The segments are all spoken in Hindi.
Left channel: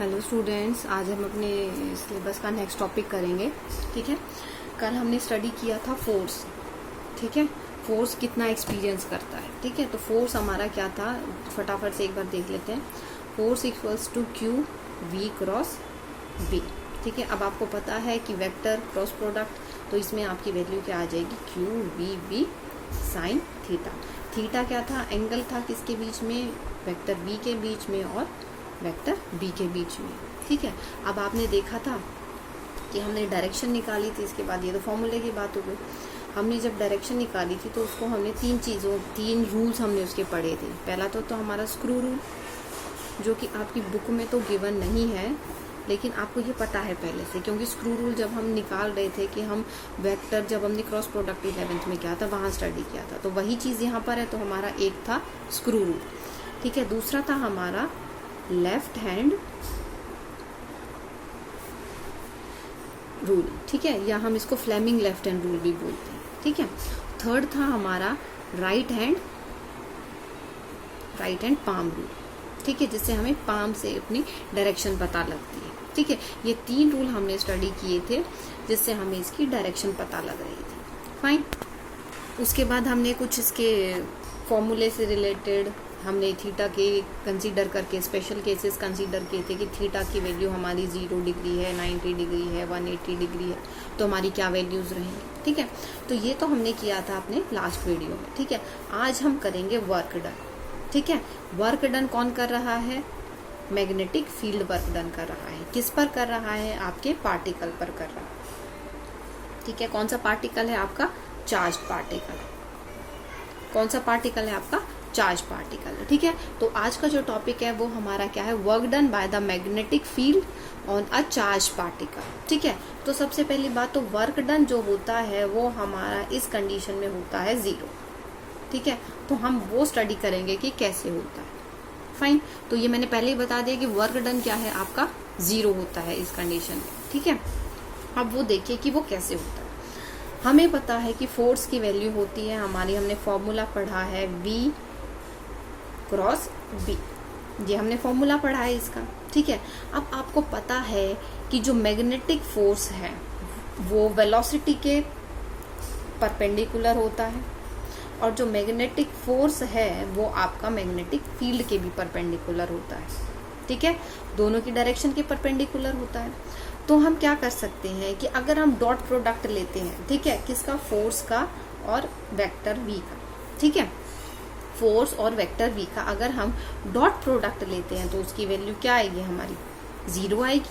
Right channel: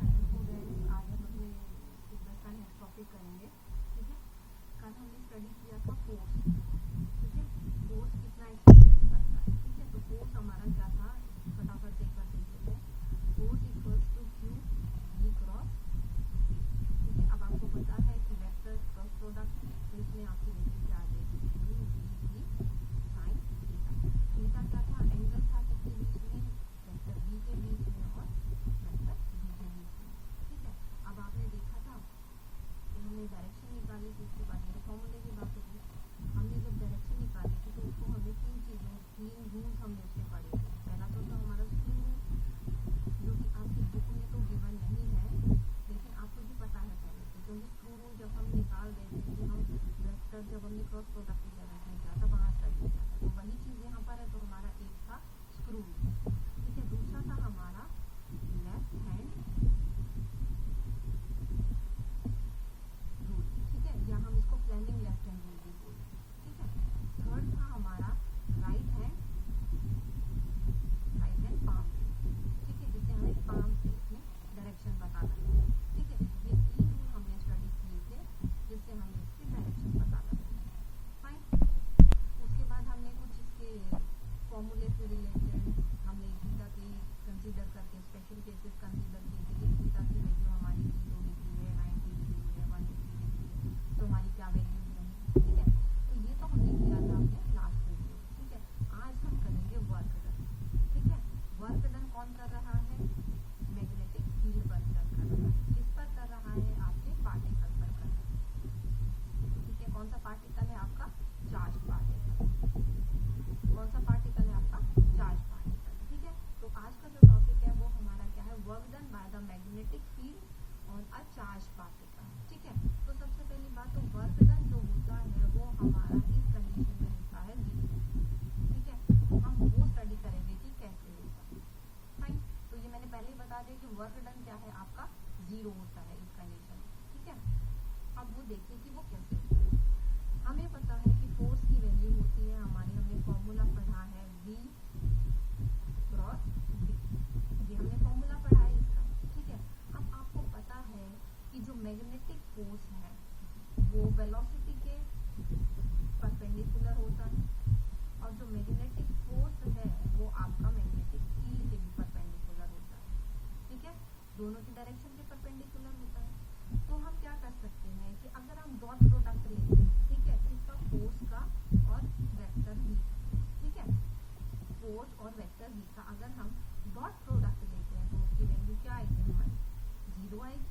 हेलो स्टूडेंट्स, आज हम अपने सिलेबस का नेक्स्ट टॉपिक करेंगे। ठीक है, कल हमने स्टडी किया था फोर्स। ठीक है, फोर्स कितना एक्सपीरियंस करता है। ठीक है, तो फोर्स हमारा क्या था, फटाफट से एक बार देख लेते हैं। Force equals to Q V cross B. ठीक है, अब आपको पता है कि वेक्टर क्रॉस प्रोडक्ट, तो इसमें आपकी वैल्यू क्या आ जाएगी, Q V B sine theta. Theta क्या था, एंगल था किसके बीच में, वेक्टर बी के बीच में और वेक्टर बी के बीच में। ठीक है, अब आपने देखा था कि हमने डायरेक्शन निकाली थी, इसके बाद ये तो फॉर्मूले की बात हो गई। हमने जब डायरेक्शन निकाली थी तो उसको हमने तीन रूल्स हमने उसके पढ़े थे। पहला तो हमारा स्क्रू रूल, जो कि आपकी बुक में तो गिवन नहीं है, लेकिन आपको ये पता है पहले से, क्योंकि स्क्रू रूल जब हम निकाल रहे थे कि हम वेक्टर, जब हमने क्रॉस प्रोडक्ट 11th में किया था वहाँ स्टडी किया था, तो वही चीज़ यहाँ पर है। तो हमारा एक था स्क्रू रूल। ठीक है, दूसरा था हमारा लेफ्ट हैंड रूल। ठीक है, या हम इसको फ्लेमिंग लेफ्ट हैंड रूल भी बोलते हैं। ठीक है, थर्ड था हमारा राइट हैंड पाम रूल। ठीक है, जिससे हमें पाम से अपनी डायरेक्शन पता लगती है। ठीक है, ये तीन रूल हमने स्टडी किए थे, जिससे हमें इसकी डायरेक्शन पता लग रही थी। फाइन, उसके बाद हमने कुछ इसके फॉर्मूले से रिलेटेड हमने थीटा के कंसीडर करके स्पेशल केसेस कंसीडर किए थे कि थीटा की वैल्यू हमारी 0 डिग्री है, 90 डिग्री है, 180 डिग्री है, तो हमारी क्या वैल्यूज रहेंगी। ठीक है, तो ये तो हमने किया था अपने लास्ट वीडियो में। ठीक है, आज हम करेंगे वर्क डन। ठीक है, वर्क डन कौन कर रहा है, मैग्नेटिक फील्ड वर्क डन कर रहा है। किस पर कर रहा है, आपके पार्टिकल पर कर रहा है। ठीक है, कौन सा पार्टिकल है आपका, चार्ज पार्टिकल। कौन सा पार्टिकल है आपका, चार्ज पार्टिकल। ठीक है, तो आज का जो टॉपिक है वो हमारा क्या है, work done by the magnetic field on a charge particle. ठीक है, तो सबसे पहली बात तो वर्क डन जो होता है वो हमारा इस कंडीशन में होता है 0। ठीक है, तो हम वो स्टडी करेंगे कि कैसे होता है। फाइन, तो ये मैंने पहले ही बता दिया कि वर्क डन क्या है आपका, 0 होता है इस कंडीशन में। ठीक है, अब वो देखिए कि वो कैसे होता है। हमें पता है कि फोर्स की वैल्यू होती है हमारी, हमने फॉर्मूला पढ़ा है V क्रॉस B, ये हमने फॉर्मूला पढ़ा है इसका। ठीक है, अब आपको पता है कि जो मैग्नेटिक फोर्स है वो वेलोसिटी के परपेंडिकुलर होता है, और जो मैग्नेटिक फोर्स है वो आपका मैग्नेटिक फील्ड के भी परपेंडिकुलर होता है। ठीक है, दोनों की डायरेक्शन के परपेंडिकुलर होता है। तो हम क्या कर सकते हैं कि अगर हम डॉट प्रोडक्ट लेते हैं, ठीक है, किसका, फोर्स का और वेक्टर v का। ठीक है, फोर्स और वेक्टर v का अगर हम डॉट प्रोडक्ट लेते हैं तो उसकी वैल्यू क्या आएगी, हमारी 0 आएगी।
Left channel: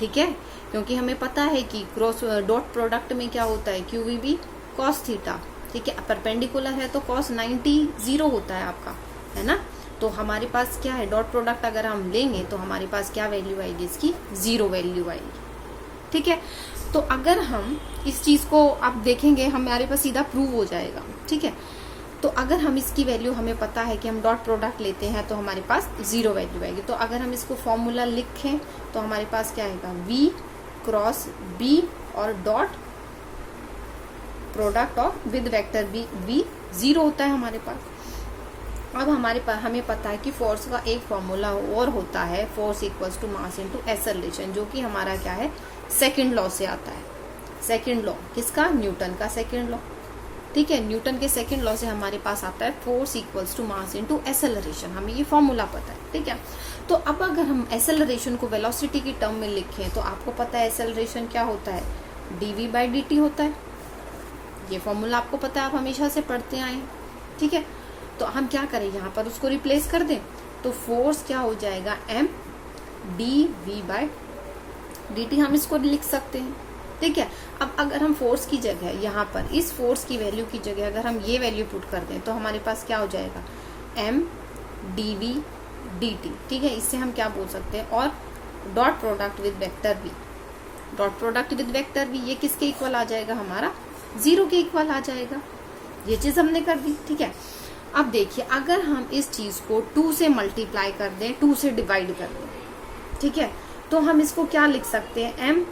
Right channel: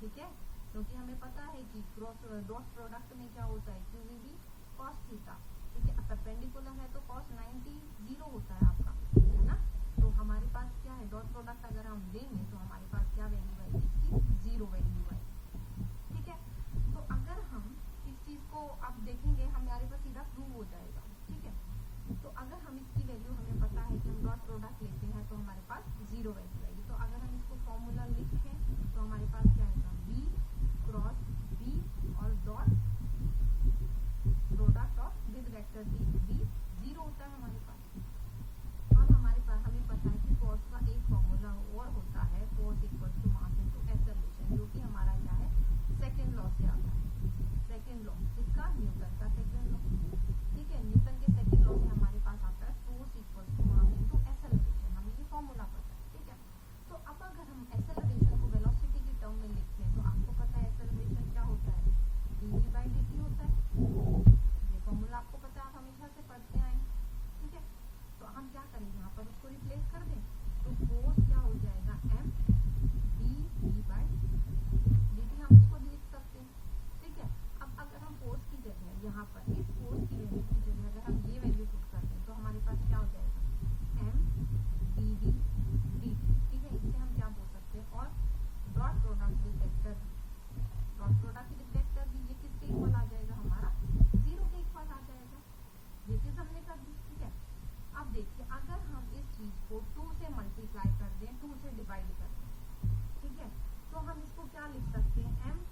ठीक है, क्योंकि हमें पता है कि क्रॉस डॉट प्रोडक्ट में क्या होता है, Q V B cos theta. ठीक है, परपेंडिकुलर है तो कॉस 90 0 होता है आपका, है ना। तो हमारे पास क्या है, डॉट प्रोडक्ट अगर हम लेंगे तो हमारे पास क्या वैल्यू आएगी, इसकी 0 वैल्यू आएगी। ठीक है, तो अगर हम इस चीज को आप देखेंगे हमारे पास सीधा प्रूव हो जाएगा। ठीक है, तो अगर हम इसकी वैल्यू, हमें पता है कि हम डॉट प्रोडक्ट लेते हैं तो हमारे पास 0 वैल्यू आएगी। तो अगर हम इसको फॉर्मूला लिखें तो हमारे पास क्या आएगा, V क्रॉस B और डॉट प्रोडक्ट और विद वेक्टर V 0 होता है हमारे पास। अब हमारे पास हमें पता है कि फोर्स का एक फॉर्मूला और होता है, force equals to mass into acceleration, जो कि हमारा क्या है, सेकंड लॉ से आता है। सेकंड लॉ किसका, न्यूटन का सेकंड लॉ। ठीक है, न्यूटन के सेकंड लॉ से हमारे पास आता है force equals to mass into acceleration, हमें ये फॉर्मूला पता है। ठीक है, तो अब अगर हम एक्सेलरेशन को वेलोसिटी की टर्म में लिखें तो आपको पता है एक्सेलरेशन क्या होता है, dv/dt होता है। ये फॉर्मूला आपको पता है, आप हमेशा से पढ़ते आए। ठीक है, तो हम क्या करें, यहाँ पर उसको रिप्लेस कर दें तो फोर्स क्या हो जाएगा, m dv/dt, हम इसको लिख सकते हैं। ठीक है, अब अगर हम फोर्स की जगह यहाँ पर इस फोर्स की वैल्यू की जगह अगर हम ये वैल्यू पुट कर दें तो हमारे पास क्या हो जाएगा, m dv/dt। ठीक है, इससे हम क्या बोल सकते हैं, और dot product with vector v, dot product with vector v ये किसके इक्वल आ जाएगा, हमारा 0 के इक्वल आ जाएगा। ये चीज हमने कर दी। ठीक है, अब देखिए अगर हम इस चीज को 2 से मल्टीप्लाई कर दें, 2 से डिवाइड कर दें, ठीक है, तो हम इसको क्या लिख सकते हैं, m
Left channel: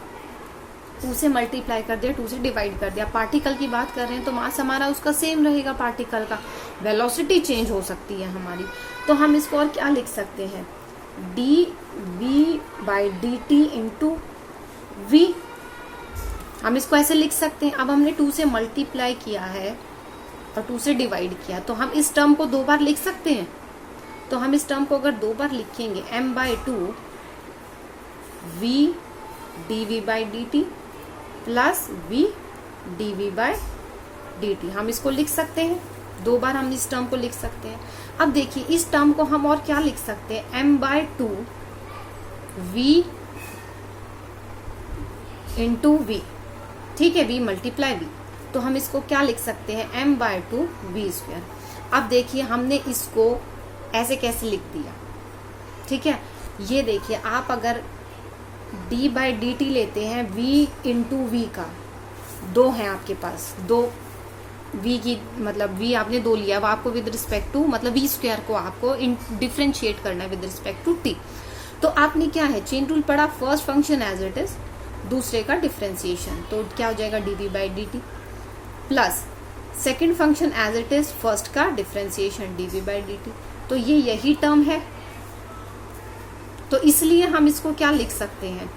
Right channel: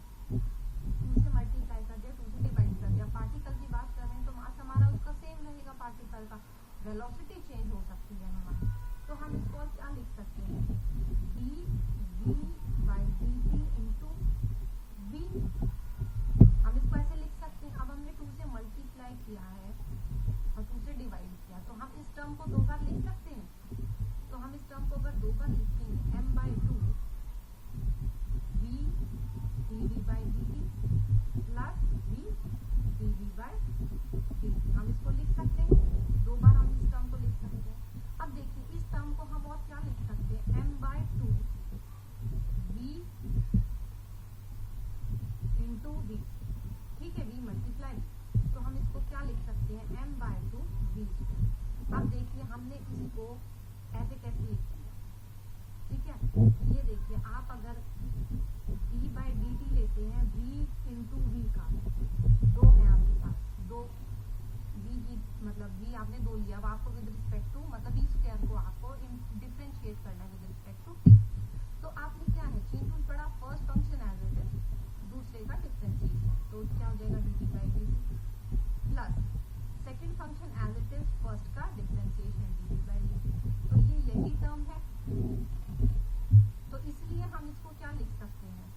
2 से मल्टीप्लाई कर दिया, 2 से डिवाइड कर दिया। पार्टिकल की बात कर रहे हैं तो मास हमारा उसका सेम रहेगा, पार्टिकल का वेलोसिटी चेंज हो सकती है हमारी, तो हम इसको और क्या लिख सकते हैं, D V by D T into V. हम इसको ऐसे लिख सकते हैं। अब हमने 2 से मल्टीप्लाई किया है और 2 से डिवाइड किया, तो हम इस टर्म को 2 बार लिख सकते हैं। तो हम इस टर्म को अगर 2 बार लिखेंगे m/2 v dv by D T plus v dv by D T, हम इसको लिख सकते हैं। 2 बार हम इस टर्म को लिख सकते हैं। अब देखिए इस टर्म को हम और क्या लिख सकते हैं, m/2 v इंटू वी, ठीक है, v मल्टीप्लाई v, तो हम इसको क्या लिख सकते हैं, m/2 v²। अब देखिए हमने इसको ऐसे कैसे लिख दिया, ठीक है। ये देखिए आप अगर d बाई डी टी लेते हैं v इंटू वी का, 2 है आपके पास, 2 v की मतलब v आपने 2 लिया, वो आपको विद रिस्पेक्ट टू मतलब v² को आपको डिफ्रेंशिएट करना है विद रिस्पेक्ट टू t। तो आपने क्या है, चेन रूल पढ़ा, first function as it is, दूसरे का डिफ्रेंसिएशन, तो क्या हो जाएगा dv by D T plus second function as it is, first का differentiation dv by D T. तो ये यही टर्म है, तो इसलिए हम इसको क्या लिख सकते हैं,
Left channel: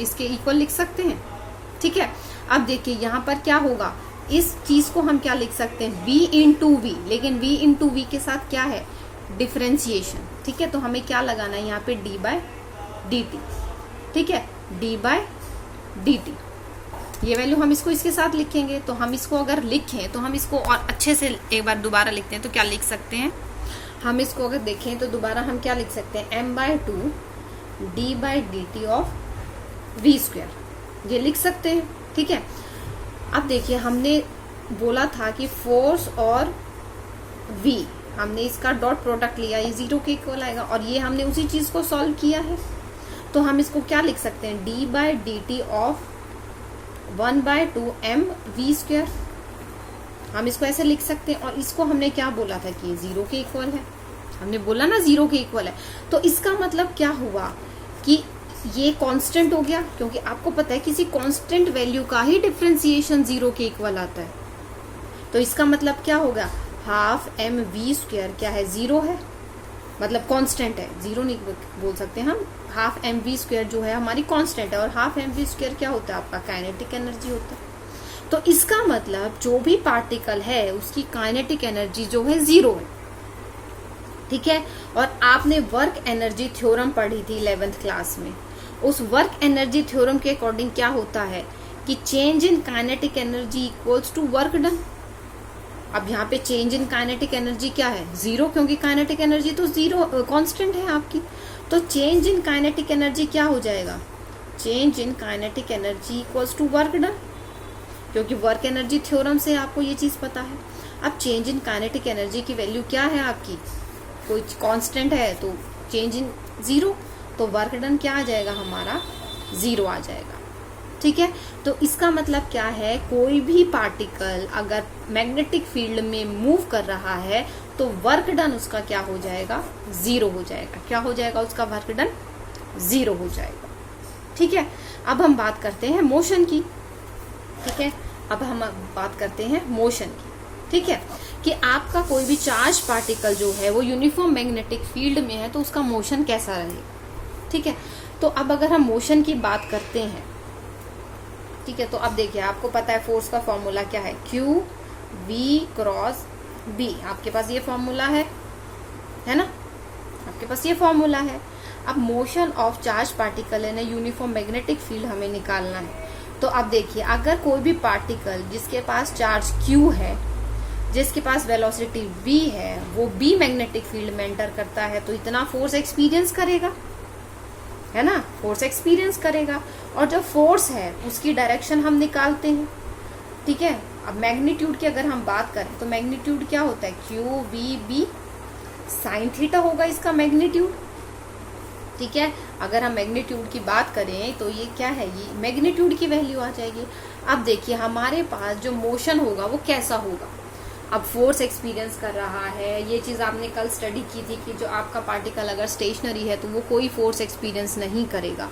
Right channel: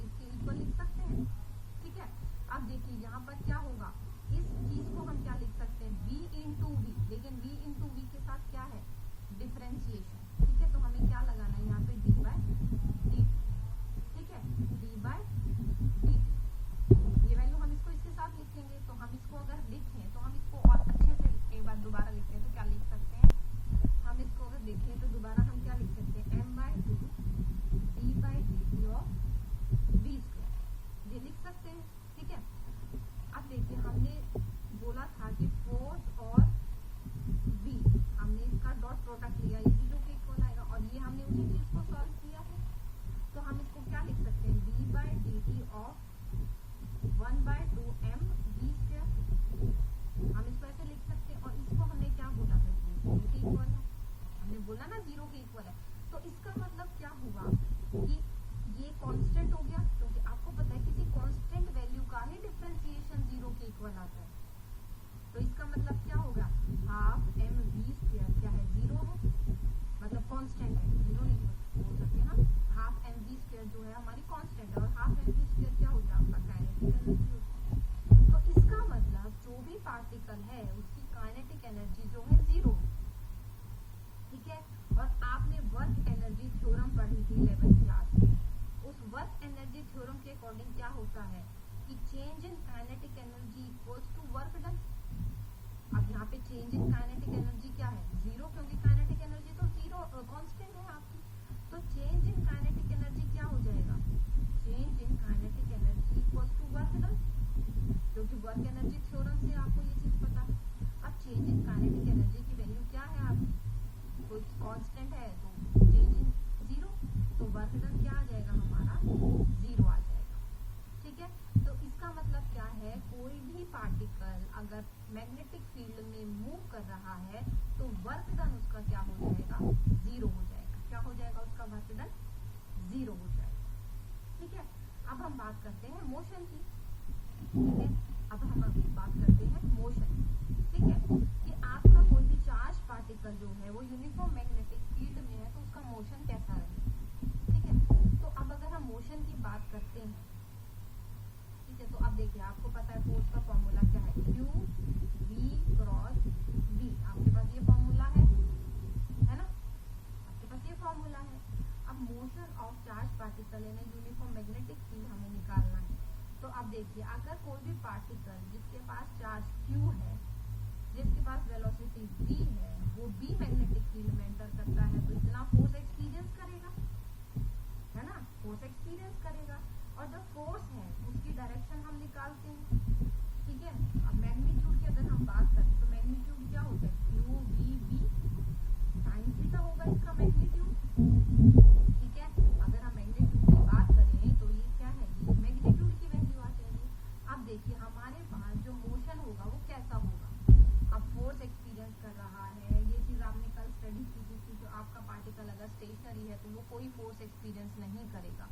इसके इक्वल लिख सकते हैं, ठीक है। अब देखिए यहाँ पर क्या होगा, इस चीज को हम क्या लिख सकते हैं, v इंटू वी, लेकिन v इंटू वी के साथ क्या है, डिफ्रेंसिएशन, ठीक है। तो हमें क्या लगाना है यहाँ पे, d बाय डी टी, ठीक है, d बाय डी टी। ये वैल्यू हम इसको इसके साथ लिखेंगे। तो हम इसको अगर लिखें तो हम इसको और अच्छे से एक बार दोबारा लिखते हैं, तो क्या लिख सकते हैं, हम इसको अगर देखें तो दोबारा हम क्या लिख सकते हैं, m/2 d by D T of v², ये लिख सकते हैं, ठीक है। अब देखिए हमने बोला था कि फोर्स और v, हमने इसका डॉट प्रोडक्ट लिया, ये 0 के इक्वल आएगा, और ये हमने उसी चीज को सॉल्व किया है। तो हम इसको क्या लिख सकते हैं, d by D T of 1/2 mv², हम इसको ऐसे लिख सकते हैं। और इसको हमने क्या बोला था कि 0 के इक्वल है, हमने बोला ना 0 के इक्वल है। तो इसका मतलब क्या हुआ कि ये कांस्टेंट हो गया, क्योंकि आपको पता है किसी कांस्टेंट वैल्यू का ही डिफरेंशिएशन 0 के इक्वल आता है। तो इसका मतलब क्या होगा, हाफ mv² क्या है, 0 है, मतलब कांस्टेंट है, 0 नहीं बोल सकते हम, हाफ mv² जो है हमारी कांस्टेंट है, और हाफ mv² क्या होता है, आपका काइनेटिक एनर्जी होता है। तो इसका मतलब जो भी पार्टिकल है उसकी काइनेटिक एनर्जी जो है 0 है, ठीक है। और आपने वर्क एनर्जी थ्योरम पढ़ी थी 11th क्लास में, उस वर्क एनर्जी थ्योरम के अकॉर्डिंग क्या होता है कि change in kinetic energy equals to work done. अब यहाँ पे चेंज इन काइनेटिक एनर्जी क्या है, 0, क्योंकि काइनेटिक एनर्जी तो 0 कांस्टेंट है आपकी। तो चेंज इन काइनेटिक एनर्जी क्या हो जाएगा, change in kinetic energy equals to work done, क्योंकि वर्क एनर्जी थ्योरम से आपको ये चीज पता है। अब चेंज इन काइनेटिक एनर्जी की वैल्यू क्या है आपकी, कोई कांस्टेंट है तो चेंज इन 0, तो वर्क डन क्या आ जाएगा हमारा, 0 आ जाएगा, ठीक है। तो इसका मतलब क्या है, कोई भी पार्टिकल अगर मैग्नेटिक फील्ड में मूव कर रहा है तो वर्क डन उसका क्या हो जाएगा, 0 हो जाएगा। क्या हो जाएगा उसका, वर्क डन 0 हो जाएगा, ठीक है। अब हम बात करते हैं मोशन की, ठीक है। अब हम बात करते हैं मोशन की, ठीक है, कि आपका कोई भी चार्ज पार्टिकल जो है वो यूनिफॉर्म मैग्नेटिक फील्ड में है तो उसका मोशन कैसा रहेगा, ठीक है। तो अब अगर हम मोशन की बात करते हैं, ठीक है, तो अब देखिए आपको पता है फोर्स का फॉर्मूला क्या है, Q V क्रॉस B, आपके पास ये फॉर्मूला है ना, आपके पास ये फॉर्मूला है। अब मोशन ऑफ चार्ज पार्टिकल है ना, यूनिफॉर्म मैग्नेटिक फील्ड हमें निकालना है। तो अब देखिए अगर कोई भी पार्टिकल जिसके पास चार्ज Q है, जिसके पास वेलोसिटी v है, वो B मैग्नेटिक फील्ड में एंटर करता है तो इतना फोर्स एक्सपीरियंस करेगा, है ना, फोर्स एक्सपीरियंस करेगा। और जो फोर्स है उसकी डायरेक्शन हम निकालते हैं, ठीक है। अब मैग्नीट्यूड की अगर हम बात करें तो मैग्नीट्यूड क्या होता है, Q V B sine theta होगा इसका मैग्नीट्यूड, ठीक है। अगर हम मैग्नीट्यूड की बात करें तो ये क्या है, ये मैग्नीट्यूड की वैल्यू आ जाएगी। अब देखिए हमारे पास जो मोशन होगा वो कैसा होगा, अब फोर्स एक्सपीरियंस कर रहा है, ये चीज़ आपने कल स्टडी की थी कि जो आपका पार्टिकल अगर स्टेशनरी है तो वो कोई फोर्स एक्सपीरियंस नहीं करेगा।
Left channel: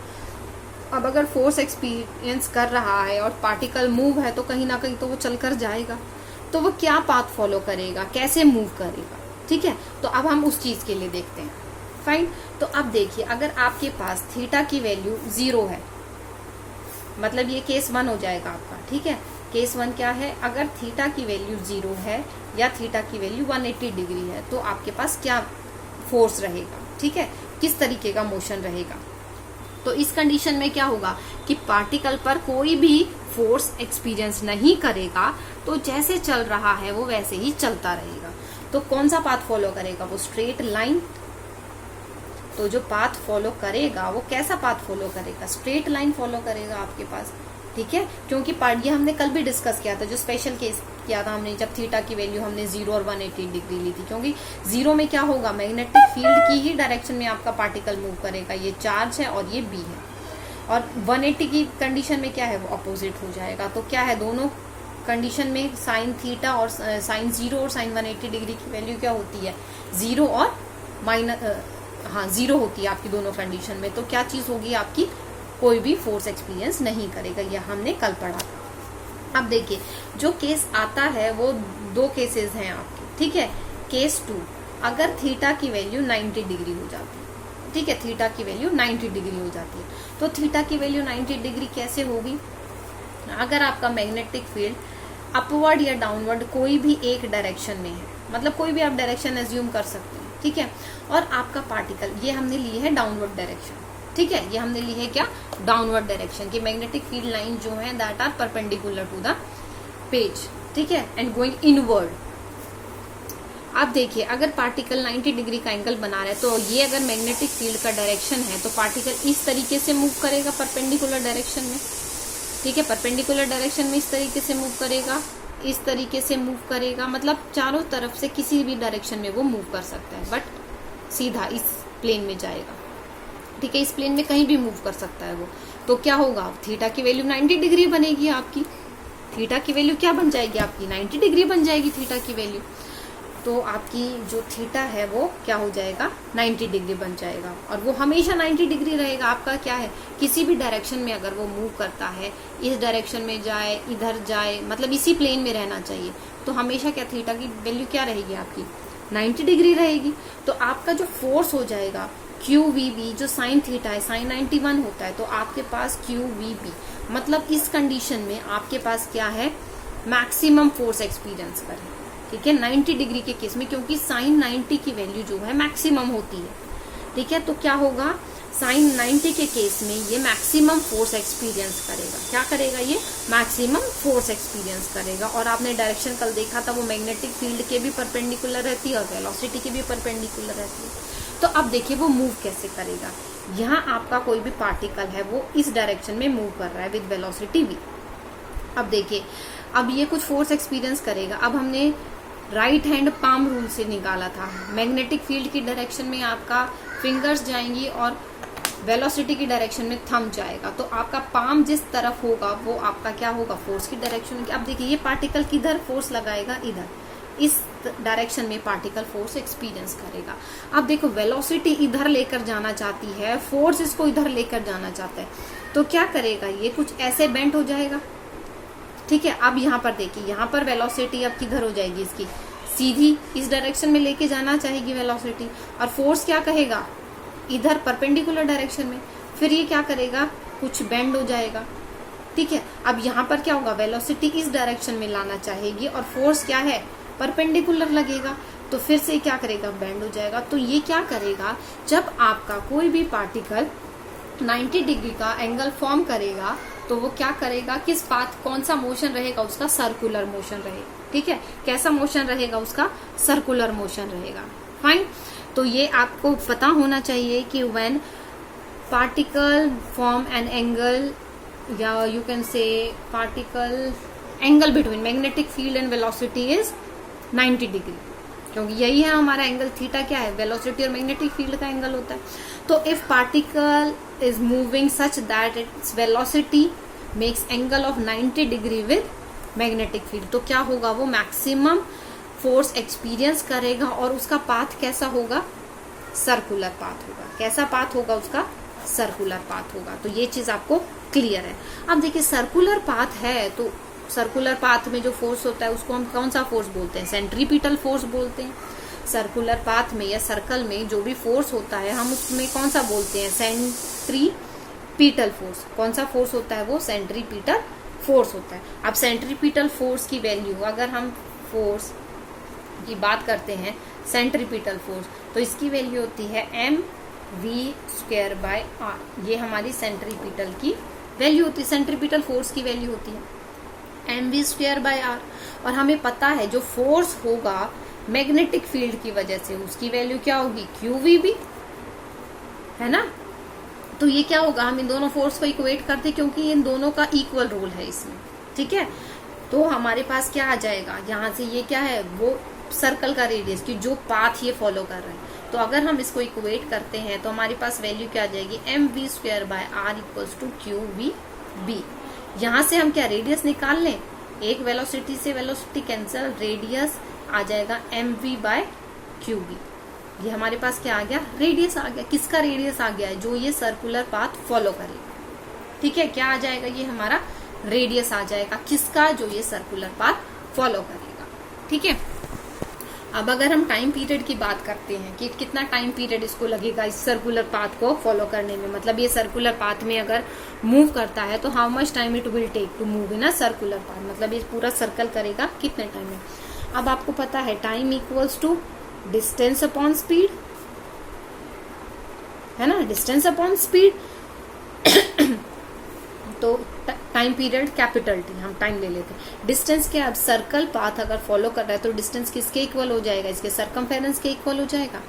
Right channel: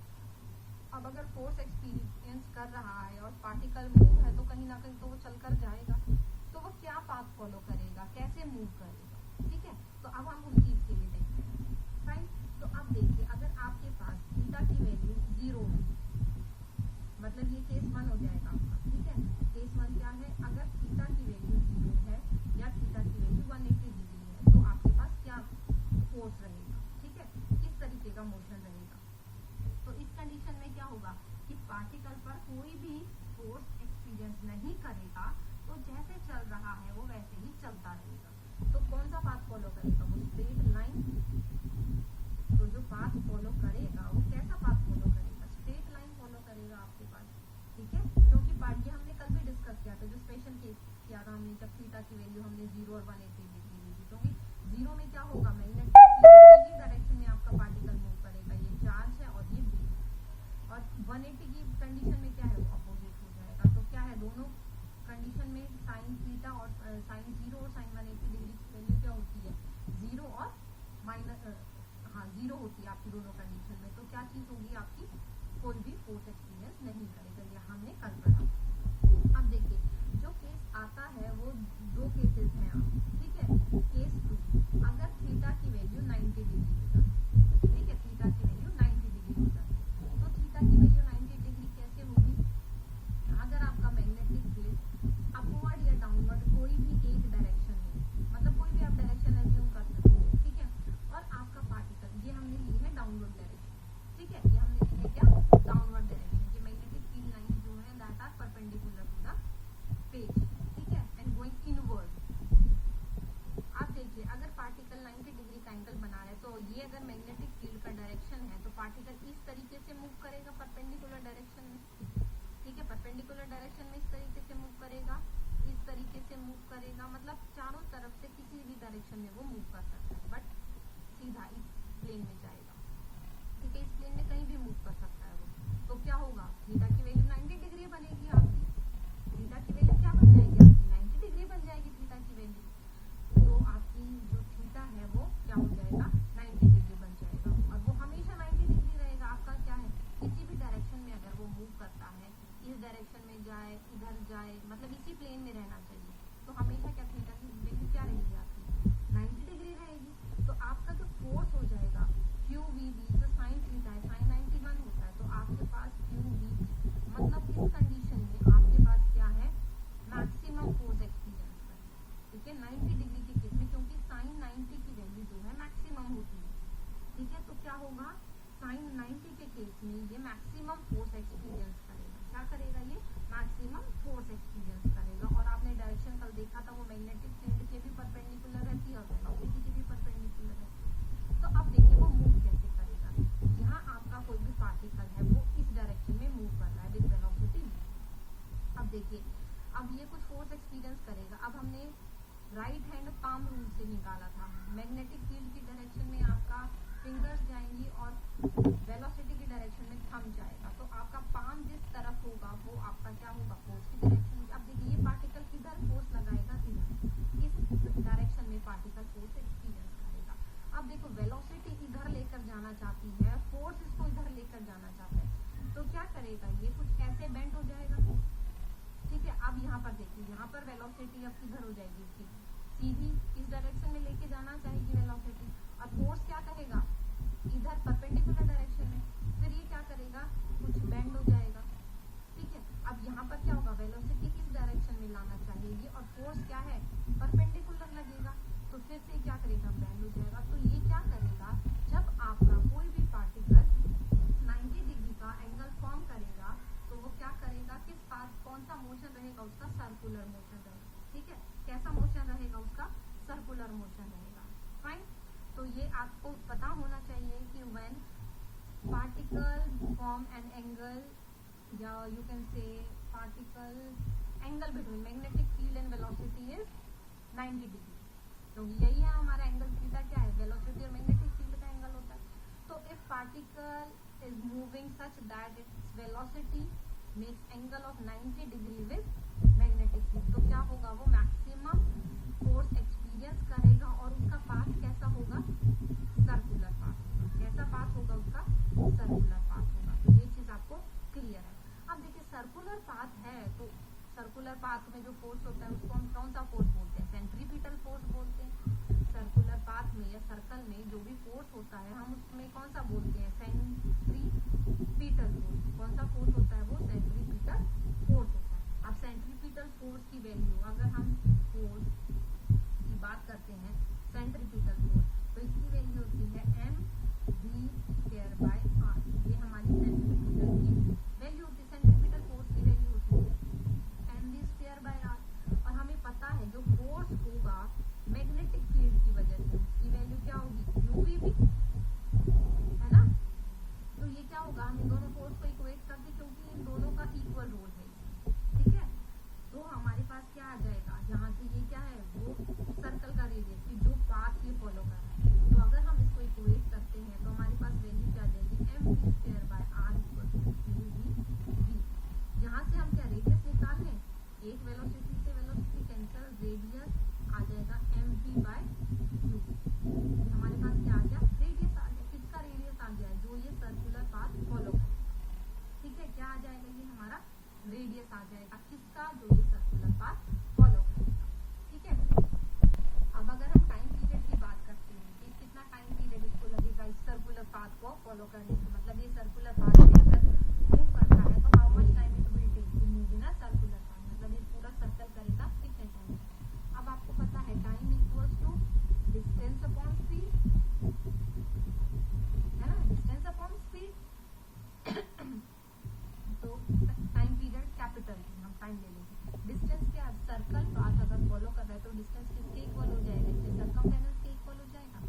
अब अगर फोर्स एक्सपीरियंस कर रहा है और पार्टिकल मूव है तो कहीं ना कहीं तो वो चलकर जाएगा, तो वो क्या पाथ फॉलो करेगा, कैसे मूव करेगा, ठीक है। तो अब हम उस चीज़ के लिए देखते हैं, फाइन। तो अब देखिए, अगर आपके पास थीटा की वैल्यू 0 है, मतलब ये केस 1 हो जाएगा आपका, ठीक है। केस 1 क्या है, अगर थीटा की वैल्यू 0 है या थीटा की वैल्यू 180 डिग्री है, तो आपके पास क्या फोर्स रहेगा, ठीक है, किस तरीके का मोशन रहेगा। तो इस कंडीशन में क्या होगा कि पार्टिकल पर कोई भी फोर्स एक्सपीरियंस नहीं करेगा, तो जैसे चल रहा है वो वैसे ही चलता रहेगा। तो कौन सा पाथ फॉलो करेगा, वो स्ट्रेट लाइन। तो जो पाथ फॉलो करेगा वो कैसा पाथ फॉलो करेगा, स्ट्रेट लाइन फॉलो करेगा आपके पास, ठीक है। क्योंकि ये हमने कल भी डिस्कस किया था, जो स्पेशल केस किया था हमने, जब थीटा की वैल्यू हमने 0 और 180 डिग्री ली थी। क्योंकि 0 में क्या होगा, मैग्नेटिक फील्ड की ही डायरेक्शन में आपका पार्टिकल मूव करेगा, ये चार्ज है और ये बी है। और 180 की कंडीशन में क्या है, वो अपोजिट हो जाएगा। तो क्या है, दोनों कंडीशन में साइन थीटा और साइन 0 और साइन 180 डिग्री की वैल्यू क्या होती है, 0 और माइनस 0 होती है आपकी दोनों कंडीशन में। तो क्या चीज होगी आपकी, कोई भी फोर्स एक्सपीरियंस नहीं करेगा, यह हमने कल पढ़ा था। अब देखिए, जो केस आता है वो 2 केसेस हैं आपके, ठीक है। केस 2, अगर थीटा की वैल्यू 90 डिग्री हो जाती है, ठीक है, थीटा की वैल्यू 90 डिग्री हो जाती है। तो थीटा की वैल्यू 90 डिग्री कैसे होगी, अगर आपका मैग्नेटिक फील्ड अपवर्ड या डाउनवर्ड कोई भी एक डायरेक्शन में है, मतलब कोई भी आप डायरेक्शन एज्यूम कर सकते हैं, ठीक है। और आपका पार्टिकल, ये हमने ली है डाउनवर्ड डायरेक्शन, ठीक है, ये हमने ली है क्या, डाउनवर्ड डायरेक्शन की मैग्नेटिक फील्ड लाइन जो है that are perpendicular to the page, ठीक है, एंड गोइंग इनवर्ड। अब देखिए, अगर पार्टिकल 90 डिग्री का एंगल बना रहा है, तो ये अगर मैग्नेटिक फील्ड का डायरेक्शन है, तो पार्टिकल इस तरीके से मूव करेगा परपेंडिकुलर डायरेक्शन में, ठीक है, परपेंडिकुलर डायरेक्शन में इस तरीके से मूव करेगा, इस तरीके से मूव करेगा, मतलब चारों तरफ से किसी भी डायरेक्शन में वो मूव कर सकता है, बट सीधा इस प्लेन में जाएगा, ठीक है, इस प्लेन में कहीं भी मूव कर सकता है वो। तो क्या होगा, थीटा की वैल्यू 90 डिग्री बनेगी आपकी, थीटा की वैल्यू क्या बन जाएगी आपकी, 90 डिग्री बन जाएगी थीटा की वैल्यू। तो आपकी जो थीटा है वो क्या हो जाएगा, 90 डिग्री बन जाएगा, और वो हमेशा 90 डिग्री रहेगा। आपका क्या है, किसी भी डायरेक्शन में अगर वो मूव करता है, इस डायरेक्शन में जाए, इधर जाए, मतलब इसी प्लेन में रहना चाहिए, तो हमेशा क्या थीटा की वैल्यू क्या रहेगी आपकी, 90 डिग्री रहेगी। तो आपका जो फोर्स हो जाएगा QVB, जो साइन थीटा है, साइन 91 होता है, तो आपके पास QVB, मतलब इस कंडीशन में आपके पास क्या है, मैक्सिमम फोर्स एक्सपीरियंस करें, ठीक है, 90 डिग्री के केस में, क्योंकि साइन 90 की वैल्यू जो है मैक्सिमम होती है, ठीक है। तो क्या होगा, साइन 90 के केस में ये मैक्सिमम फोर्स एक्सपीरियंस करेगा, क्या करेगा, ये मैक्सिमम फोर्स एक्सपीरियंस करेगा। और आपने डायरेक्शन कल देखा था, वो मैग्नेटिक फील्ड के भी परपेंडिकुलर रहती है और वेलोसिटी के भी परपेंडिकुलर रहती है। तो अब देखिए वो मूव कैसे करेगा, यहाँ आपका कोई भी पार्टिकल है वो इस डायरेक्शन में मूव कर रहा है विद वेलोसिटी v। अब देखिए, अब ये कुछ फोर्स एक्सपीरियंस करेगा। अब हमने राइट हैंड पाम रूल से निकाला था, मैग्नेटिक फील्ड की डायरेक्शन में आपका फिंगर्स जाएंगी और वेलोसिटी की डायरेक्शन में थंब जाएगा। तो आपका पाम जिस तरफ होगा वो आपका क्या होगा, फोर्स की डायरेक्शन की। अब देखिए, ये पार्टिकल किधर फोर्स लगाएगा, इधर, इस डायरेक्शन में पार्टिकल फोर्स एक्सपीरियंस करेगा। अब देखो, वेलोसिटी इधर लेकर जाना चाहती है, फोर्स इसको इधर लेकर जाना चाहता है, तो क्या करेगा, ये कुछ ऐसे बेंड हो जाएगा, ठीक है। अब यहाँ पर देखिए, यहाँ पर वेलोसिटी अब किधर हो जाएगी, इसकी सीधी इस डायरेक्शन में लेके जाना चाहेगी वेलोसिटी, और फोर्स क्या कहेगा, इधर परपेंडिकुलर डायरेक्शन में। फिर ये क्या करेगा, कुछ बेंड हो जाएगा, ठीक है। अब यहाँ पर क्या होगा, वेलोसिटी इस डायरेक्शन में लाना चाहेगी और फोर्स क्या है, परपेंडिकुलर लगेगा, तो फिर से क्या करेगा, बेंड हो जाएगा। तो ये क्या करेगा, जब आपका कोई भी पार्टिकल 90 डिग्री का एंगल फॉर्म करेगा, तो वो क्या करेगा, किस पाथ, कौन सा मोशन रहेगा उसका, सर्कुलर मोशन रहेगा, ठीक है। कैसा मोशन रहेगा उसका, सर्कुलर मोशन रहेगा, फाइन। तो ये आपको पता होना चाहिए कि when particle form an angle, या you can say particle angle between magnetic field and velocity is 90 degree, क्योंकि यही है हमारा एंगल, थीटा क्या है, वेलोसिटी और मैग्नेटिक फील्ड का एंगल होता है। तो if particle is moving such that its velocity makes angle of 90 degree with magnetic field, तो क्या होगा, वो मैक्सिमम फोर्स एक्सपीरियंस करेगा, और उसका पाथ कैसा होगा, सर्कुलर पाथ होगा। कैसा पाथ होगा उसका, सर्कुलर पाथ होगा। तो ये चीज आपको क्लियर है। अब देखिए, सर्कुलर पाथ है तो सर्कुलर पाथ में जो फोर्स होता है उसको हम कौन सा फोर्स बोलते हैं? सेंट्रीपिटल फोर्स बोलते हैं। सर्कुलर पाथ में या सर्कल में जो भी फोर्स होता है हम उसमें कौन सा बोलते हैं? Centripetal force. कौन सा फोर्स होता है वो? सेंट्रीपिटल फोर्स होता है। अब सेंट्रीपिटल फोर्स की वैल्यू, अगर हम फोर्स की बात करते हैं सेंट्रीपिटल फोर्स, तो इसकी वैल्यू होती है mv²/r। ये हमारी सेंट्रीपिटल की वैल्यू होती है, सेंट्रीपिटल फोर्स की वैल्यू होती है mv²/r। और हमें पता है जो फोर्स होगा मैग्नेटिक फील्ड की वजह से उसकी वैल्यू क्या होगी? qvb, है ना। तो ये क्या होगा? हम इन दोनों फोर्स को इक्वेट करते क्योंकि इन दोनों का इक्वल रोल है इसमें, ठीक है। तो हमारे पास क्या आ जाएगा यहाँ से? ये क्या है? वो सर्कल का रेडियस की जो पाथ ये फॉलो कर रहे हैं। तो अगर हम इसको इक्वेट करते हैं तो हमारे पास वैल्यू क्या आ जाएगी? mv²/r = qvb। यहाँ से हम क्या रेडियस निकाल लें? एक वेलोसिटी से वेलोसिटी कैंसिल, रेडियस आ जाएगा mv/qb। ये हमारे पास क्या आ गया? रेडियस आ गया। किसका रेडियस आ गया है? जो ये सर्कुलर पाथ फॉलो करेगा, ठीक है। क्या आ जाएगा? ये हमारा रेडियस आ जाएगा। किसका? जो ये सर्कुलर पाथ फॉलो करेगा, ठीक है। अब अगर हम टाइम पीरियड की बात करते हैं कि कितना टाइम पीरियड इसको लगेगा इस सर्कुलर पाथ को फॉलो करने में, मतलब ये सर्कुलर पाथ में अगर मूव करता है तो how much time it will take to move in a circular path, मतलब ये पूरा सर्कल करेगा कितने टाइम में। अब आपको पता है time equals to distance upon speed, है ना, डिस्टेंस अपॉन स्पीड। तो टाइम पीरियड कैपिटल टी, हम टाइम ले लेते हैं। डिस्टेंस क्या? अब सर्कल पाथ अगर फॉलो कर रहा है तो डिस्टेंस किसके इक्वल हो जाएगा? इसके सरकमफेरेंस के इक्वल हो जाएगा।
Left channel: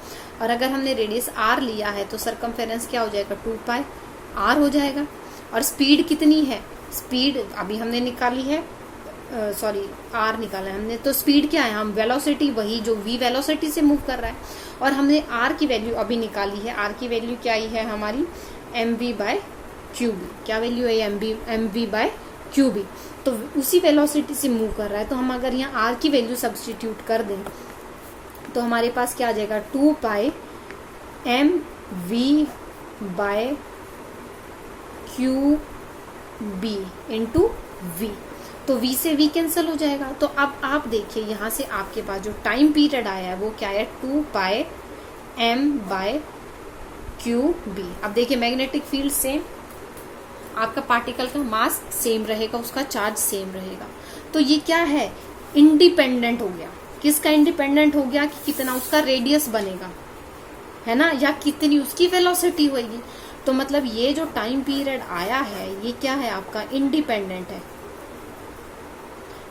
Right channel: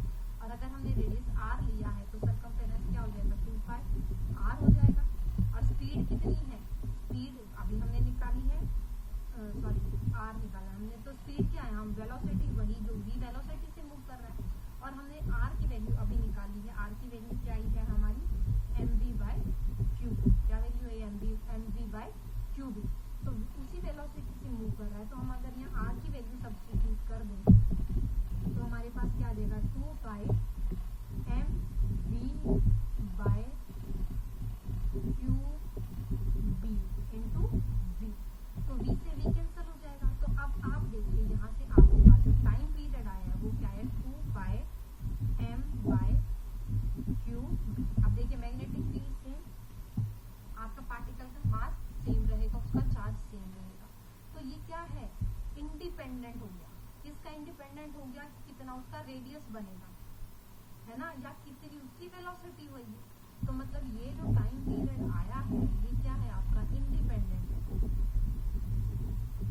और अगर हमने रेडियस r लिया है तो सरकमफेरेंस क्या हो जाएगा? 2πr हो जाएगा। और स्पीड कितनी है? स्पीड अभी हमने निकाली है, r निकाला है हमने, तो स्पीड क्या है? हम वेलोसिटी, वही जो v वेलोसिटी से मूव कर रहा है। और हमने r की वैल्यू अभी निकाली है। r की वैल्यू क्या आई है हमारी? mv/qb। क्या वैल्यू है? mv/qb। तो उसी वेलोसिटी से मूव कर रहा है, तो हम अगर यहाँ r की वैल्यू सब्स्टिट्यूट कर दें तो हमारे पास क्या आ जाएगा? 2πmv/qb into v। तो v से v कैंसिल हो जाएगा। तो अब आप देखिए यहाँ से आपके पास जो टाइम पीरियड आया है वो क्या है? 2πm/qb। अब देखिए मैग्नेटिक फील्ड सेम, आपका पार्टिकल का मास सेम रहेगा, उसका चार्ज सेम रहेगा। तो ये क्या है? इंडिपेंडेंट हो गया। किसका इंडिपेंडेंट हो गया? कि कितना उसका रेडियस बनेगा, है ना, या कितनी उसकी वेलोसिटी होगी। तो मतलब ये जो टाइम पीरियड आया है ये क्या है? आपका इंडिपेंडेंट है।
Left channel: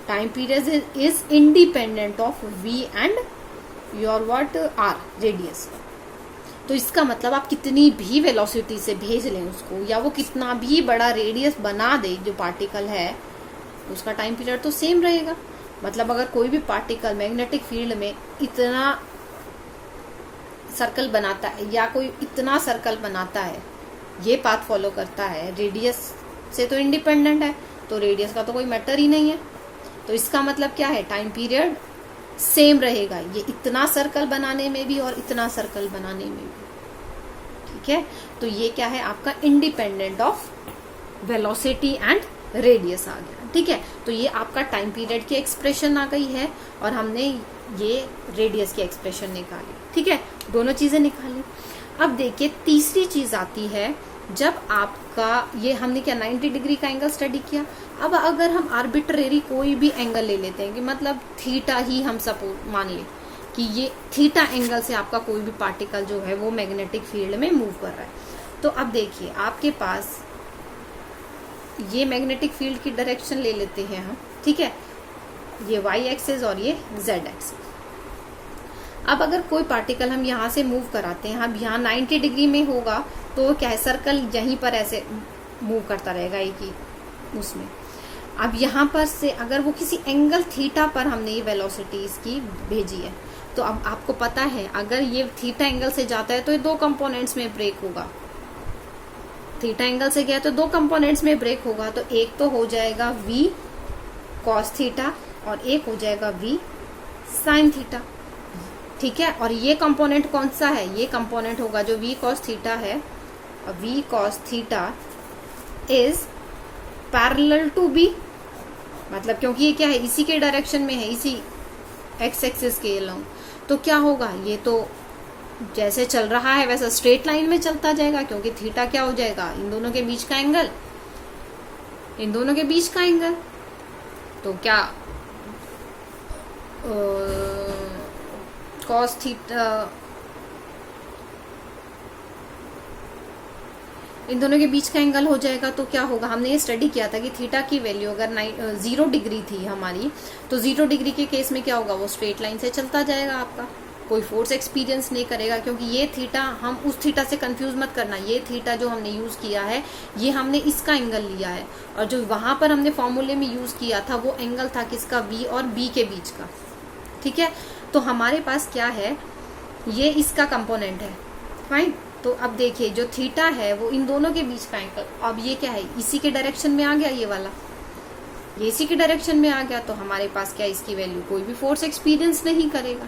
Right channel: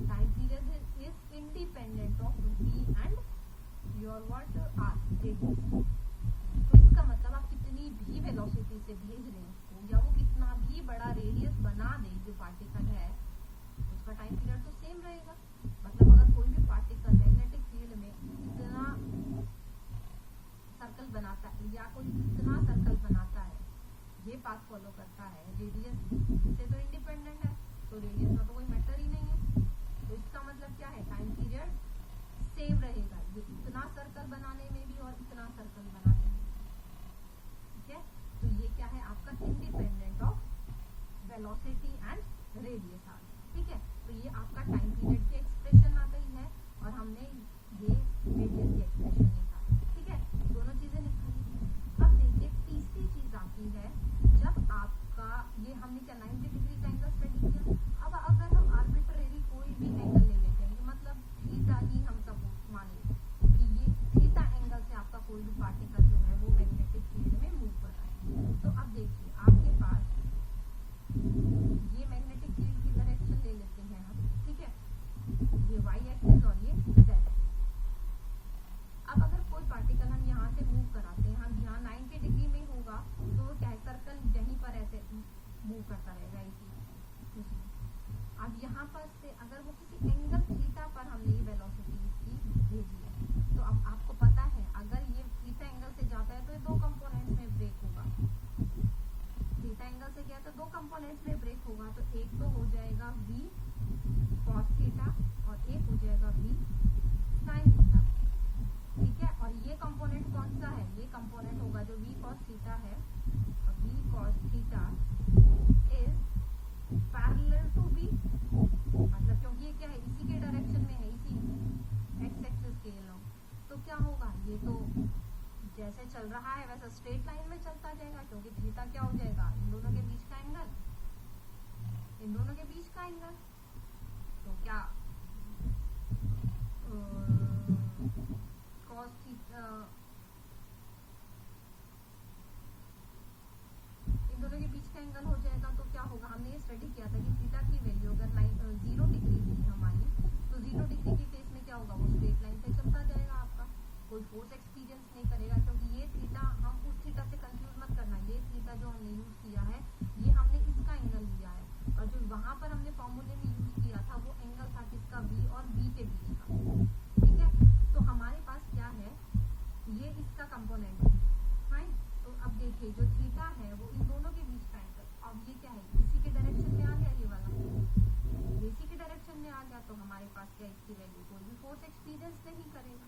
Time period is independent of v and your what? r, radius. तो इसका मतलब आप कितनी भी वेलोसिटी से भेज लें उसको, या वो कितना भी बड़ा रेडियस बना दे जो पार्टिकल है, उसका टाइम पीरियड तो सेम रहेगा। मतलब अगर कोई भी पार्टिकल मैग्नेटिक फील्ड में इतना सर्कल बनाता है या कोई इतना सर्कल बनाता है, ये पाथ फॉलो करता है, रेडियस से तो इंडिपेंडेंट है, तो रेडियस का तो कोई मैटर ही नहीं है। तो इसका मतलब क्या है? टाइम पीरियड सेम रहेगा, ये इतना सर्कल बनाने में भी और इतना सर्कल बनाने में भी, ठीक है। तो ये क्या है? आपका independent of velocity and radius आ गया, ठीक है। तो ये आपका टाइम पीरियड की एक्सप्रेशन आ गई है और हमने ये रेडियस की एक्सप्रेशन निकाली, ठीक है, दोनों चीजें निकाली। अब देखिए तीसरी चीज आती है, जब आपका ये हमने क्या 90 डिग्री का एंगल स्टडी किया। अब अगर हम आर्बिट्रेरी कोई भी एंगल ले लेते हैं कि मतलब थीटा ही हम सपोज मान लें कि ये थीटा एंगल से आपका कोई भी पार्टिकल जो है वो मैग्नेटिक फील्ड में मूव कर रहा है। तो अब देखिए आपके पास ये मैग्नेटिक फील्ड की डायरेक्शन ले लेते हैं हम, ठीक है, ये y एक्सिस और ये z एक्सिस। अब अगर कोई पार्टिकल हम यहाँ से मूव कराते हैं, हम यहाँ 90 डिग्री में होगा तो क्या है? सर्कल यहीं पर ऐसे मूव करता रहेगा एक ही उसमें। अब यहाँ पर से अगर वो किसी एंगल थीटा पर हमने ये वेलोसिटी इसकी भेजी है, तो अब आपको पता है अगर ये थीटा एंगल से जाता है तो ये दो कंपोनेंट्स में ब्रेक होगा। थीटा एंगल से गया तो दो कंपोनेंट्स में ब्रेक होगा, तो एक तो हो जाएगा v cos थीटा और एक हो जाएगा v sin थीटा, ठीक है। और ये कंपोनेंट कौन सा है? ये कंपोनेंट होगा जो v cos थीटा है। v cos theta is parallel to b, मतलब क्योंकि ये क्या है, इसी के डायरेक्शन में है, इसी एक्स एक्सिस के अलोंग, तो क्या होगा, ये तो जैसे चल रहा है वैसा स्ट्रेट लाइन में चलता जाएगा, क्योंकि थीटा क्या हो जाएगा, इन दोनों के बीच का एंगल, इन दोनों के बीच का एंगल। तो क्या कॉस थीटा, इन दोनों के बीच का एंगल हो जाएगा, तो क्या होगा, हमने ये स्टडी किया था कि थीटा की वैल्यू अगर 0 डिग्री थी हमारी, तो 0 डिग्री के केस में क्या होगा, वो स्ट्रेट लाइन से चलता जाएगा आपका, कोई फोर्स एक्सपीरियंस नहीं करेगा, क्योंकि ये थीटा, हम उस थीटा से कंफ्यूज मत करना, ये थीटा जो हमने यूज किया है ये हमने इसका एंगल लिया है, और जो वहां पर हमने फॉर्मूले में यूज किया था वो एंगल था किसका, बी और बी के बीच का। ठीक है, तो हमारे पास क्या है, ये इसका कंपोनेंट है, फाइन। तो अब देखिए जो थीटा है वो इन दोनों के बीच का एंगल, अब ये क्या है, इसी के डायरेक्शन में आ गया, ये वाला ये इसी के डायरेक्शन में आ गया, तो हमारे पास क्या, इसकी वैल्यू कोई भी फोर्स एक्सपीरियंस नहीं करेगा।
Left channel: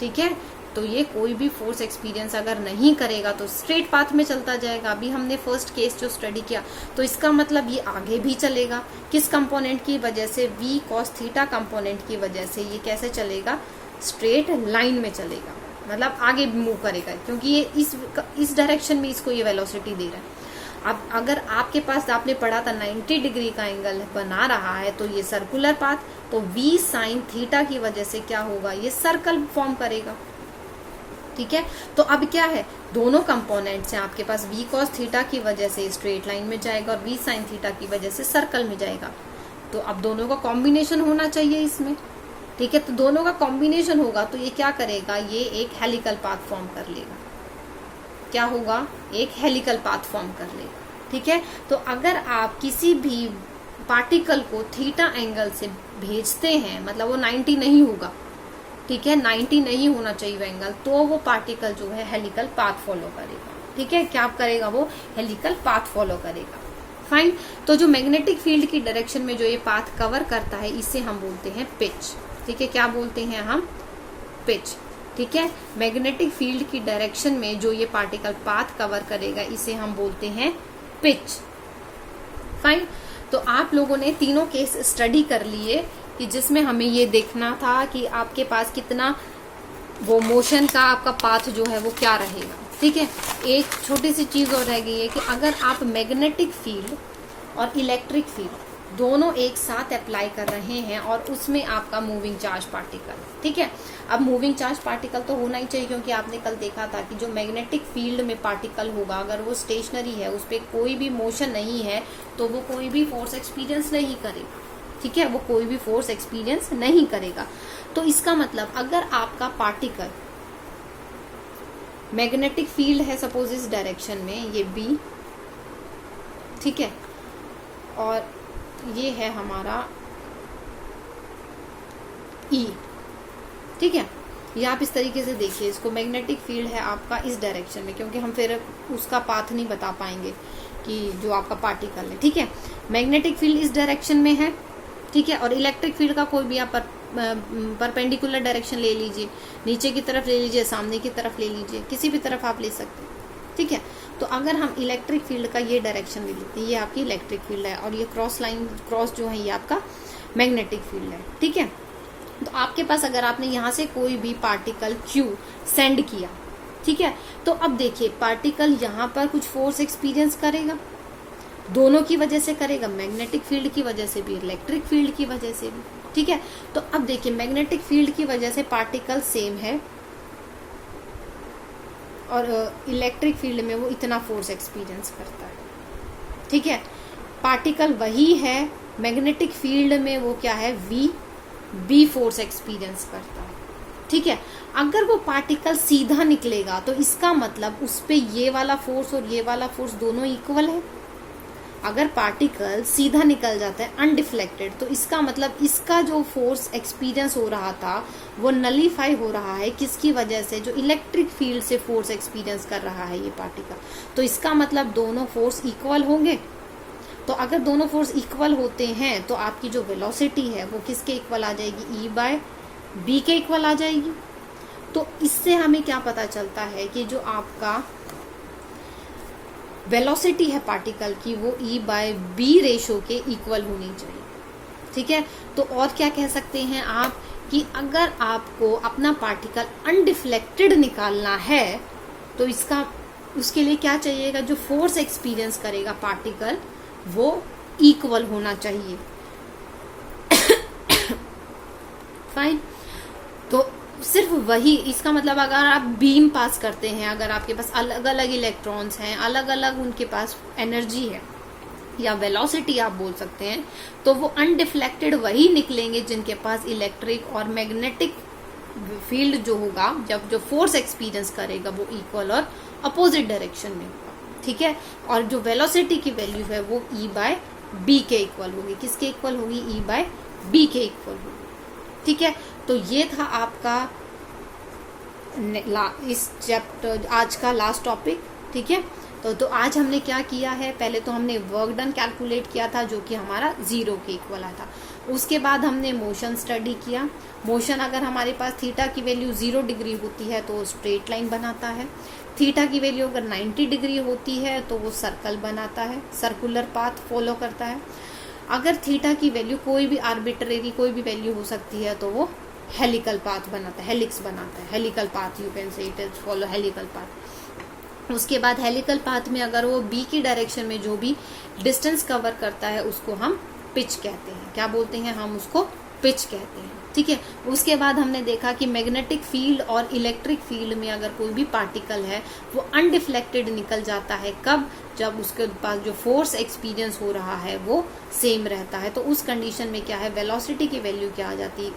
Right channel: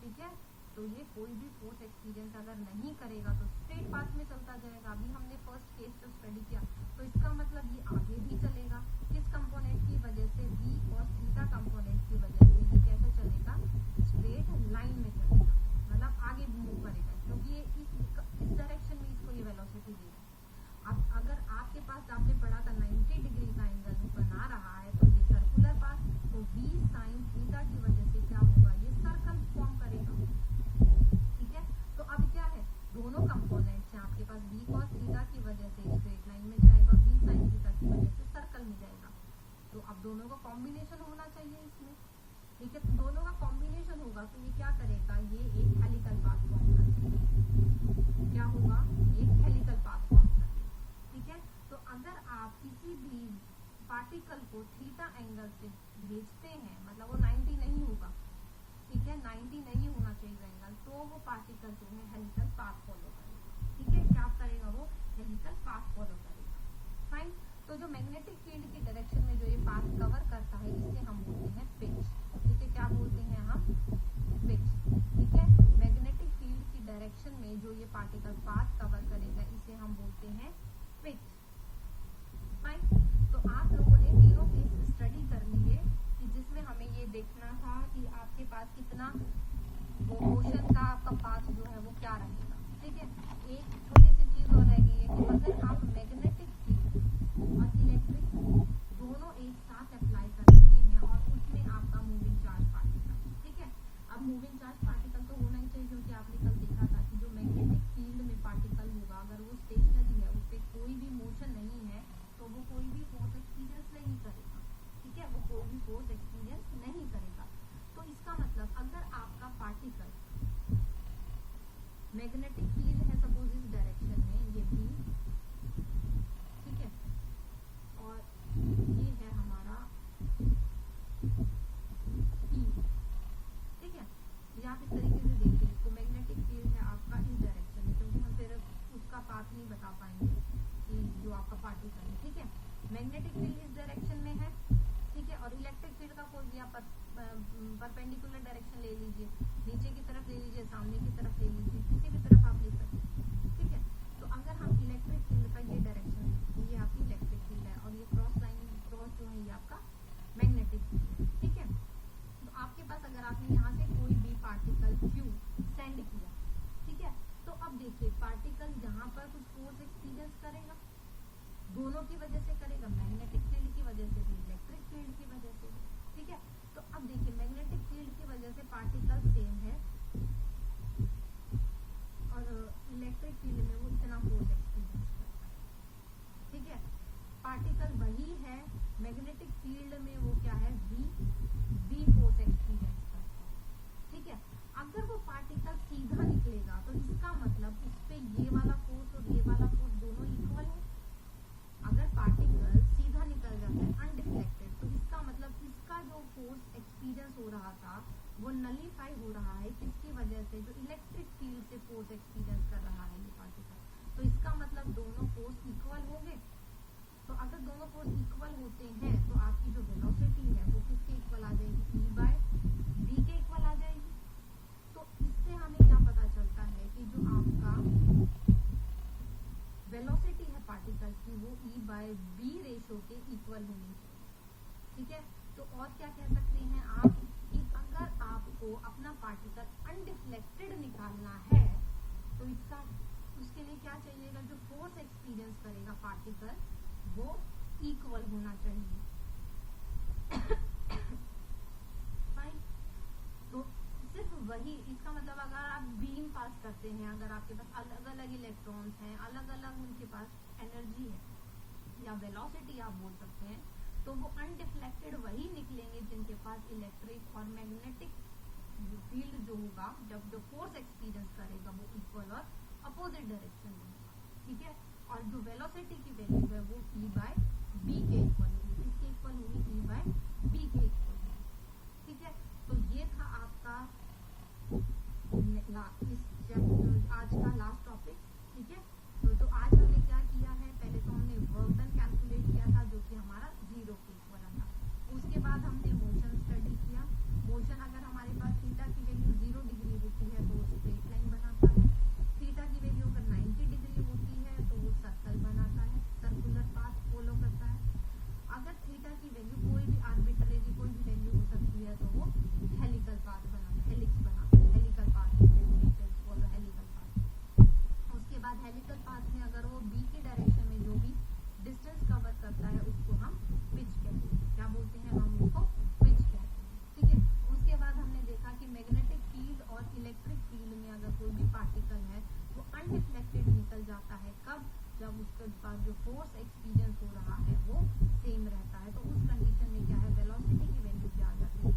ठीक है, तो ये कोई भी फोर्स एक्सपीरियंस अगर नहीं करेगा तो स्ट्रेट पाथ में चलता जाएगा। अभी हमने फर्स्ट केस जो स्टडी किया, तो इसका मतलब ये आगे भी चलेगा, किस कंपोनेंट की वजह से, v cos थीटा कंपोनेंट की वजह से ये कैसे चलेगा, स्ट्रेट लाइन में चलेगा, मतलब आगे मूव करेगा, क्योंकि ये इस डायरेक्शन में इसको ये वेलोसिटी दे रहा है। अब अगर आपके पास, आपने पढ़ा था 90 डिग्री का एंगल बना रहा है, तो ये सर्कुलर पाथ, तो v साइन थीटा की वजह से क्या होगा, ये सर्कल फॉर्म करेगा। ठीक है, तो अब क्या है, दोनों कंपोनेंट्स हैं आपके पास, v cos थीटा की वजह से स्ट्रेट लाइन में जाएगा और v साइन थीटा की वजह से सर्कल में जाएगा। तो अब दोनों का कॉम्बिनेशन होना चाहिए इसमें। ठीक है, तो दोनों का कॉम्बिनेशन होगा तो ये क्या करेगा, ये एक हेलिकल पाथ फॉर्म कर लेगा। क्या होगा, एक हेलिकल पाथ फॉर्म कर लेगा। ठीक है, तो अगर आप किसी भी पार्टिकल को थीटा एंगल से भेजते हैं, मतलब वो 90 नहीं होगा, ठीक है, 90 नहीं होना चाहिए वो एंगल, तो वो पार्टिकल जो है हेलिकल पाथ फॉलो करेगा। ठीक है, क्या करेगा, वो हेलिकल पाथ फॉलो करेगा। फाइन, तो जो मैग्नेटिक फील्ड की डायरेक्शन में जो ये पाथ कवर करता है, इसे हम बोलते हैं पिच। ठीक है, क्या बोलते हैं हम, पिच। ठीक है, मैग्नेटिक फील्ड की डायरेक्शन में जो ये पार्टिकल पाथ कवर करेगा, इसे हम बोलते हैं पिच। फाइन, तो आप लोगों ने तीनों केस स्टडी कर लिए कि जिसमें हमें ये देखना था कि आपके पास कितना वो मोशन का आपका पाथ जो है वो क्या रहेगा। ठीक है, एक छोटी सी चीज और रह गई है कि अगर आप मैग्नेटिक फील्ड और इलेक्ट्रिक फील्ड दोनों एक साथ अप्लाई कर रहे हैं और उसमें आपका मूविंग चार्ज पार्टिकल, ठीक है, अब मूविंग चार्ज पार्टिकल तो होना ही चाहिए, क्योंकि आपने कल देखा था कि जो मैग्नेटिक फील्ड में पार्टिकल होगा, अगर वो स्टेशनरी है, उस पर कोई भी मोशन नहीं है, तो वो कोई भी फोर्स एक्सपीरियंस नहीं करेगा। ठीक है, वो कोई भी फोर्स एक्सपीरियंस नहीं करेगा। तो इसका मतलब अगर आपका पार्टिकल मैग्नेटिक फील्ड है सपोज इस डायरेक्शन में, ये बी, ठीक है, और ये है हमारा ई। ठीक है, ये आप इस तरीके से देखिए इसको, मैग्नेटिक फील्ड है आपका इस डायरेक्शन में, क्योंकि हम फिर उसका पाथ नहीं बता पाएंगे कि जो आपका पार्टिकल है। ठीक है, मैग्नेटिक फील्ड इस डायरेक्शन में है, ठीक है, और इलेक्ट्रिक फील्ड का कोई भी आप परपेंडिकुलर डायरेक्शन ले लीजिए, नीचे की तरफ ले लीजिए, सामने की तरफ ले लीजिए, किसी भी तरफ आप ले सकते हैं। ठीक है, तो अगर हम इलेक्ट्रिक फील्ड का ये डायरेक्शन ले लेते हैं, ये आपकी इलेक्ट्रिक फील्ड है, और ये क्रॉस लाइन, क्रॉस जो है ये आपका मैग्नेटिक फील्ड है। ठीक है, तो आपके पास अगर आपने यहाँ से कोई भी पार्टिकल Q सेंड किया, ठीक है, तो अब देखिए पार्टिकल यहाँ पर कुछ फोर्स एक्सपीरियंस करेगा, दोनों की वजह से करेगा, मैग्नेटिक फील्ड की वजह से भी, इलेक्ट्रिक फील्ड की वजह से भी। ठीक है, तो अब देखिए मैग्नेटिक फील्ड की वजह से पार्टिकल सेम है, और इलेक्ट्रिक फील्ड में वो इतना फोर्स एक्सपीरियंस करता है। ठीक है, पार्टिकल वही है, मैग्नेटिक फील्ड में वो क्या है, बी फोर्स एक्सपीरियंस करता है। ठीक है, अगर वो पार्टिकल सीधा निकलेगा तो इसका मतलब उस पे ये वाला फोर्स और ये वाला फोर्स दोनों इक्वल है। अगर पार्टिकल सीधा निकल जाता है अनडिफ्लेक्टेड, तो इसका मतलब इसका जो फोर्स एक्सपीरियंस हो रहा था वो नलीफाई हो रहा है, किसकी वजह से, जो इलेक्ट्रिक फील्ड से फोर्स एक्सपीरियंस कर रहा है ये पार्टिकल। तो इसका मतलब दोनों फोर्स इक्वल होंगे। तो अगर दोनों फोर्स इक्वल होते हैं तो आपकी जो वेलोसिटी है वो किसके इक्वल आ जाएगी, E/B के इक्वल आ जाएगी। तो इससे हमें क्या पता चलता है कि जो आपका वेलोसिटी है पार्टिकल की वो E/B रेशो के इक्वल होनी चाहिए। ठीक है। तो और क्या कह सकते हैं आप कि अगर आपको अपना पार्टिकल अनडिफ्लेक्टेड निकालना है तो उसके लिए क्या चाहिएगा, जो फोर्स एक्सपीरियंस करेगा पार्टिकल वो इक्वल होना चाहिए। फाइन। तो सिर्फ वही, इसका मतलब अगर आप बीम पास करते हैं, अगर आपके पास अलग अलग इलेक्ट्रॉन्स हैं, अलग अलग उनके पास एनर्जी है या वेलोसिटी आप बोल सकते हैं, तो वो अनडिफ्लेक्टेड वही निकलेंगे जिनके पास इलेक्ट्रिक और मैग्नेटिक फील्ड जो होगा, जब जो फोर्स एक्सपीरियंस करेगा वो इक्वल और अपोजिट डायरेक्शन में होगा। ठीक है। और जो वेलोसिटी की वैल्यू है वो E/B के इक्वल होगी। किसके इक्वल होगी? E/B के इक्वल होगी। ठीक है। तो ये था आपका इस चैप्टर आज का लास्ट टॉपिक। ठीक है। तो आज हमने क्या किया है, पहले तो हमने वर्क डन कैलकुलेट किया था जो कि हमारा 0 के इक्वल आया था। उसके बाद हमने मोशन स्टडी किया। मोशन अगर हमारे पास थीटा की वैल्यू 0 डिग्री होती है तो वो स्ट्रेट लाइन बनाता है। थीटा की वैल्यू अगर 90 डिग्री होती है तो वो सर्कल बनाता है, सर्कुलर पाथ फॉलो करता है। अगर थीटा की वैल्यू कोई भी आर्बिट्रेरी कोई भी वैल्यू हो सकती है तो वो हेलिकल पाथ बनाता है, हेलिक्स बनाता है, हेलिकल पाथ यू कैन से it is follow helical path. उसके बाद हेलिकल पाथ में अगर वो बी की डायरेक्शन में जो भी डिस्टेंस कवर करता है उसको हम पिच कहते हैं। क्या बोलते हैं? हम उसको पिच कहते हैं। ठीक है। उसके बाद हमने देखा कि मैग्नेटिक फील्ड और इलेक्ट्रिक फील्ड में अगर कोई भी पार्टिकल है वो अनडिफ्लेक्टेड निकल जाता है। कब? जब उसके पास जो फोर्स एक्सपीरियंस हो रहा है वो सेम रहता है। तो उस कंडीशन में क्या है, वेलोसिटी की वैल्यू क्या आ जाती है?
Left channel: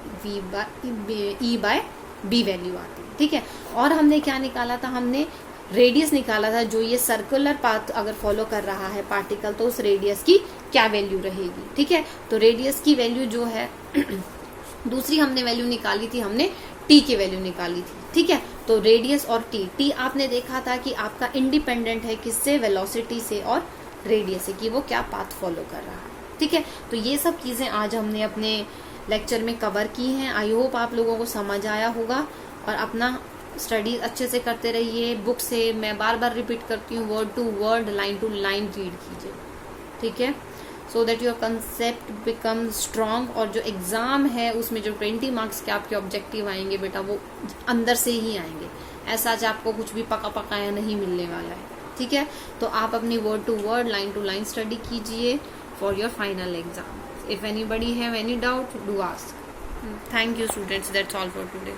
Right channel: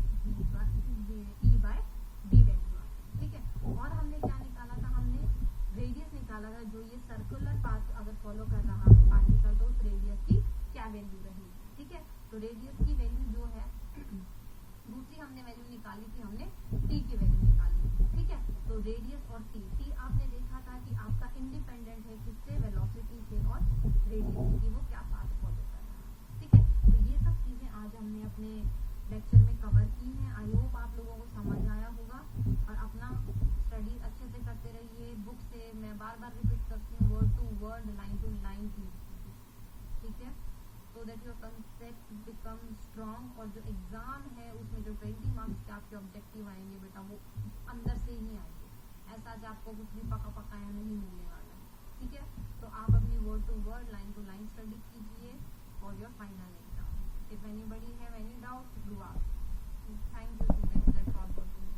E/B वैल्यू आती है। ठीक है। और हमने क्या निकाला था? हमने रेडियस निकाला था। जो ये सर्कुलर पाथ अगर फॉलो कर रहा है पार्टिकल तो उस रेडियस की क्या वैल्यू रहेगी। ठीक है। तो रेडियस की वैल्यू जो है दूसरी हमने वैल्यू निकाली थी, हमने टी की वैल्यू निकाली थी। ठीक है। तो रेडियस और टी आपने देखा था कि आपका इंडिपेंडेंट है किससे? वेलोसिटी से और रेडियस से, कि वो क्या पाथ फॉलो कर रहा है। ठीक है। तो ये सब चीजें आज हमने अपने लेक्चर में कवर की हैं। आई होप आप लोगों को समझ आया होगा और अपना स्टडी अच्छे से करते रहिए। बुक से मैं बार बार रिपीट करती हूँ, word to word, line to line read कीजिए। ठीक है। So that your concept become strong. और जो एग्जाम है उसमें जो 20 मार्क्स के आपके ऑब्जेक्टिव आएंगे बेटा वो अंदर से ही आएंगे, ऐसा आज आपको कुछ भी पका पकाया नहीं मिलने वाला है। ठीक है। तो आप अपनी word to word, line to line study कीजिए for your final exam. If anybody have any doubt do ask. Thank you students, that's all for today.